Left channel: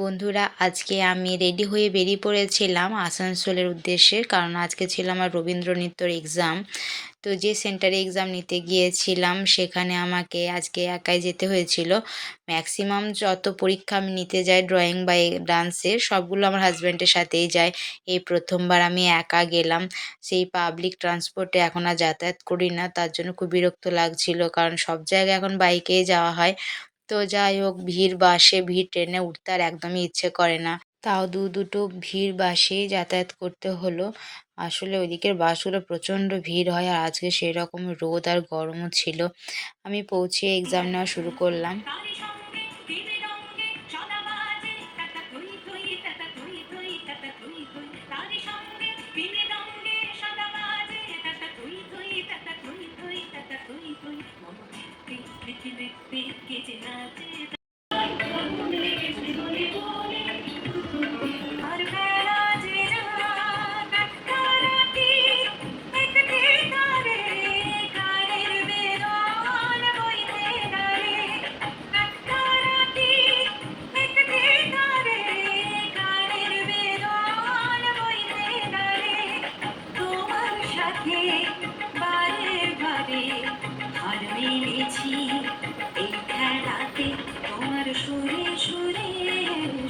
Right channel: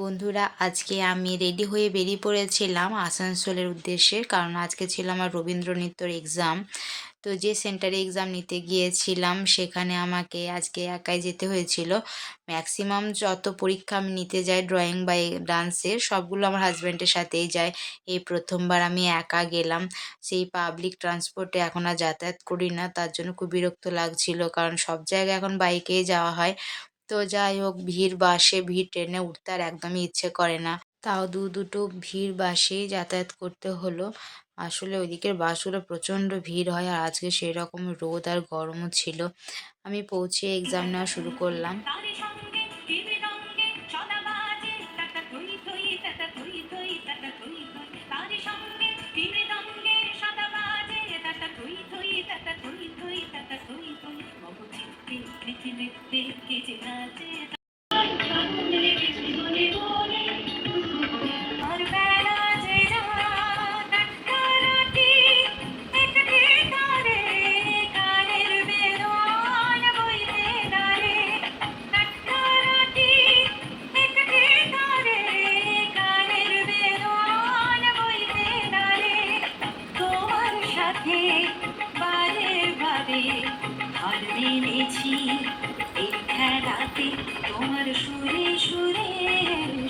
বন্ধুরা, আজকে আমি রেডি হয়ে বেরিয়ে পড়েছিলাম আসানসোলের উদ্দেশ্যে। কারণ আজকে ছিল আমার রবীন্দ্র নৃত্যর এক্সাম। তো যে সেন্টারে এক্সাম নিতে গিয়েছিলাম সেখানে আমাকে আজকে একাই যেতে হয়েছিল। ম্যাক্সিমাম যত পরীক্ষা আমি নিতে যাই ড্রয়িং বা ডান্সের, সবগুলো আমার হাজব্যান্ডের সাথেই যায়। এই প্রথমবার আমি একা গেলাম। সেই পাবলিক ট্রান্সপোর্টে এখন আর যাতায়াত করি না, তার জন্য খুব বিরক্ত লাগছিল, কারণ সব জায়গায় এখন বাইকেই যাওয়া হয়। তো যাই হোক, ভিড় বাসে, ভিড় ট্রেনে উঠতে আর একদমই ইচ্ছে করে না। তাও দুটো ভিড় বাসেই যাতায়াত করতে হলো। আসলে ওইদিকের বাসগুলো প্রচণ্ড ভিড় হয়, আর আজকে সেরকম রোদ আর গরমও ছিল। আমি পৌঁছে এক্সাম নেওয়া শুরু করলাম। তোমার সুরে সুরে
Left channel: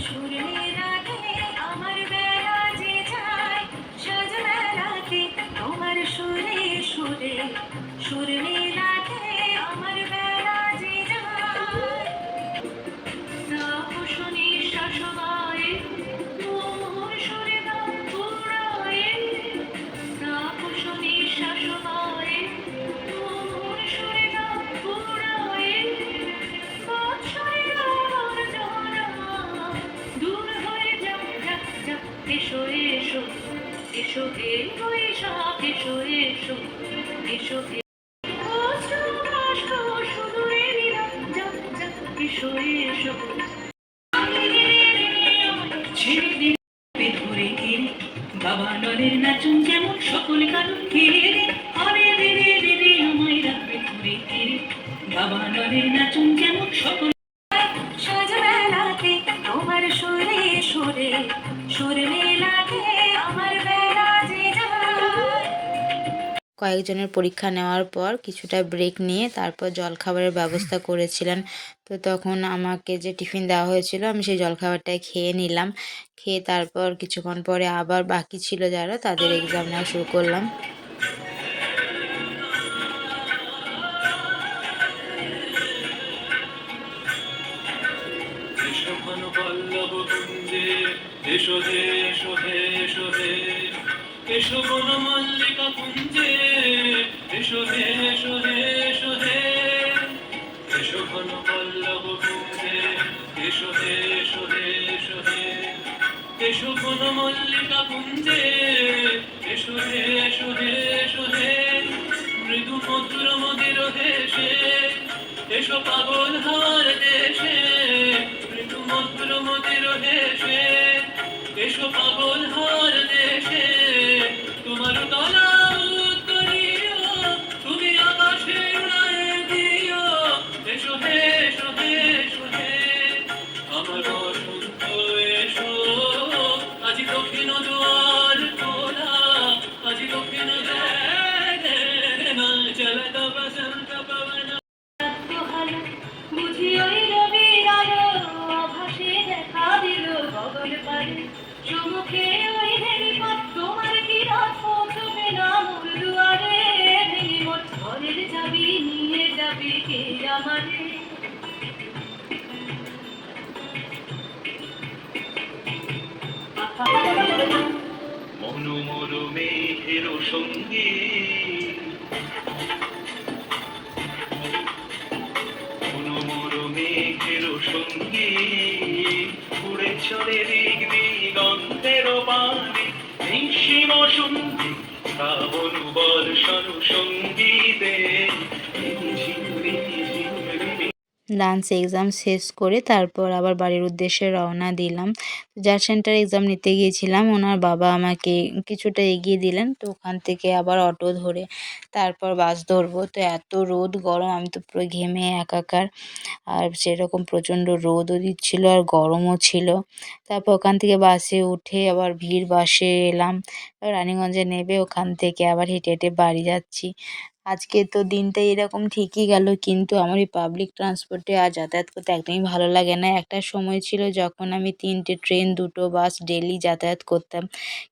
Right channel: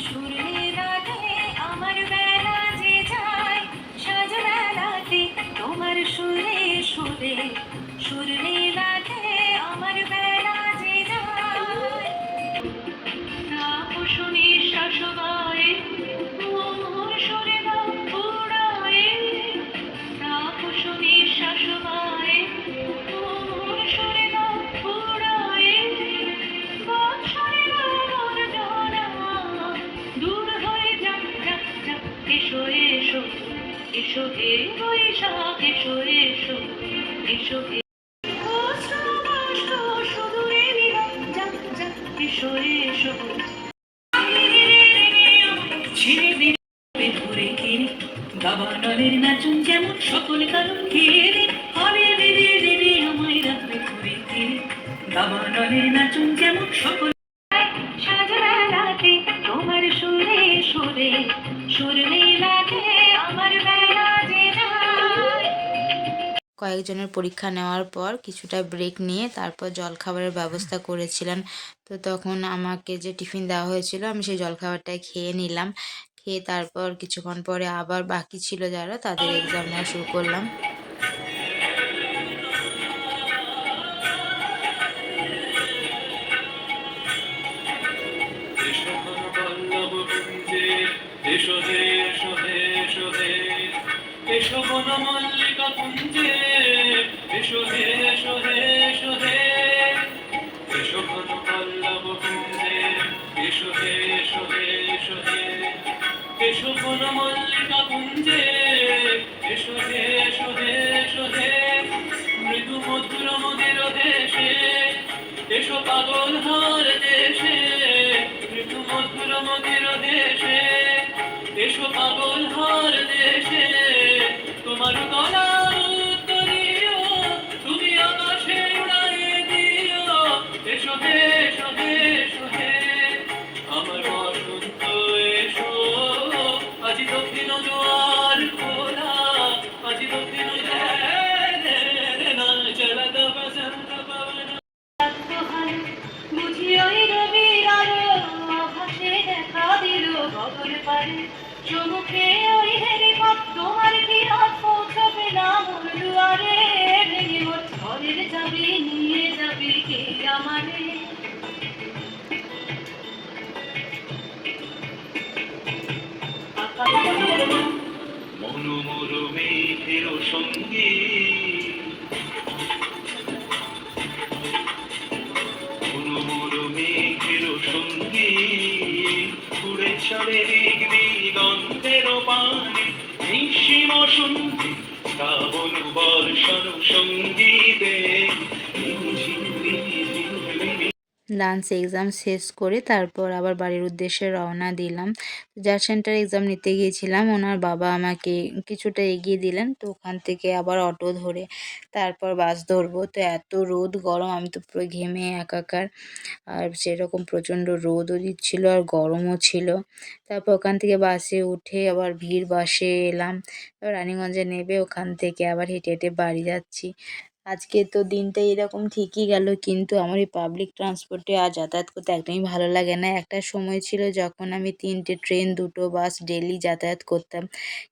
সুরে রাগে আমার বেলা যে যায় সাজবেলাতে তোমার সুরে সুরে সুরে রাগে আমার বেলা যে যায় শুনি শাসবায় মোর সুরে দাও পুরায় শুনি শাসবায় মোর সুরে দাও পুরায় এসো এসো এসো হে বৈশাখ এসো এসো এসো হে সুদূরে এসো এসো ছেড়ে দিলে ধরে ঘিরে বাবা নলের নাচুন যেমন সকল কারণ ঘিরে হবে দেবে দেবে আমায় রাখবে ধরে ঘিরে বাবা নলের নাচুন যেমন সকল সাজবেলাতে তোমার সুরে সুরে সুরে লাগে আমার বেলা যে যায়। কয়েকজনের পরীক্ষা নেওয়ার পর কিছুটা ব্রেক নিয়ে তারপর জলখাবারের ব্যবস্থা করেছিলেন। তো তখন আমাকে যে টিফিন দেওয়া হয়েছিল আমি সেই জলখাবারটাই খেয়ে নিলাম। খেয়ে তারপর কিছুক্ষণ পরে আবার বাকি ছিল যারা, তাদের এক্সাম নেওয়া শুরু করলাম। এসো হে এসো হে এসো হে এসো বন মল্লিকা কুঞ্জে এসো হে এসো হে এসো হে এসো ঘন পল্লব কুঞ্জে এসো হে এসো হে এসো হে এসো ঘন মল্লিকা কুঞ্জে এসো হে এসো হে এসো হে মৃদু মধুর মদির দেশে এসো পাগল হার দেশে মৃদু মধুর মদির দেশে এসো পাগল হার দেশে তোমার তলা উত্তরীয় তুমি আকাশে উড়ায় দিও এসো হে এসো হে এসো হে আমার বসন্ত এসো আজি দক্ষিণ জোয়ার খোলা আজি দক্ষিণ চলত বসন্ত পবন বুঝি ওই রবির আলো আভাসে দেখা দিল গগন পারে সমুখে ওই হেরিপথ তোমার কি রাত পৌঁছবে না মোর দুয়ারে ভেঙে মোর ঘরের চাবি নিয়ে যাবি কে আমারে মনোমর মেঘের সঙ্গী মনোমর মেঘের সঙ্গী উড়ে চলে দিক দিগন্তের পানে নিঃসীম সন্ধি শ্রাবণ বর্ষণ সঙ্গীতে ডান্স এক্সাম শেষ করে তারপর আবার বাড়ির উদ্দেশ্যে রওনা দিলাম। যার সেন্টারে এক্সাম নিতে গিয়েছিলাম ওনার বাবা আমাকে কিছুটা এগিয়ে দিলেন। তো ওখান থেকে আবার অটো ধরে তারপর বাস ধরবো। তো এত রোদ গরম আমি তো পুরো ঘেমে একাকার। আর সেরকম প্রচণ্ড রোদও দিচ্ছিল আর গরমও ছিল। তারপর ওখান থেকে বাসে উঠে আবার ভিড় বাসে এলাম। রানীগঞ্জে নেমে ওখান থেকে আবার হেঁটে, হেঁটে বাড়ি যাচ্ছি। আজকে তো দিনটা এরকম ঠিকই গেল, কিন্তু আমার এই পাবলিক ট্রান্সপোর্টে আর যাতায়াত করতে একদমই ভালো লাগে না। একটা সময় ছিল যখন আমি ৩ টে ট্রেন, ২ টো বাস ডেইলি যাতায়াত করতাম।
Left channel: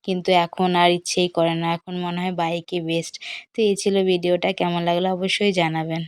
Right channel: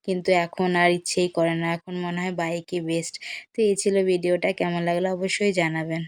কিন্তু এখন আর ইচ্ছেই করে না। এখন মনে হয় বাইকই বেস্ট। তো এই ছিল ভিডিওটা। কেমন লাগলো অবশ্যই জানাবেন।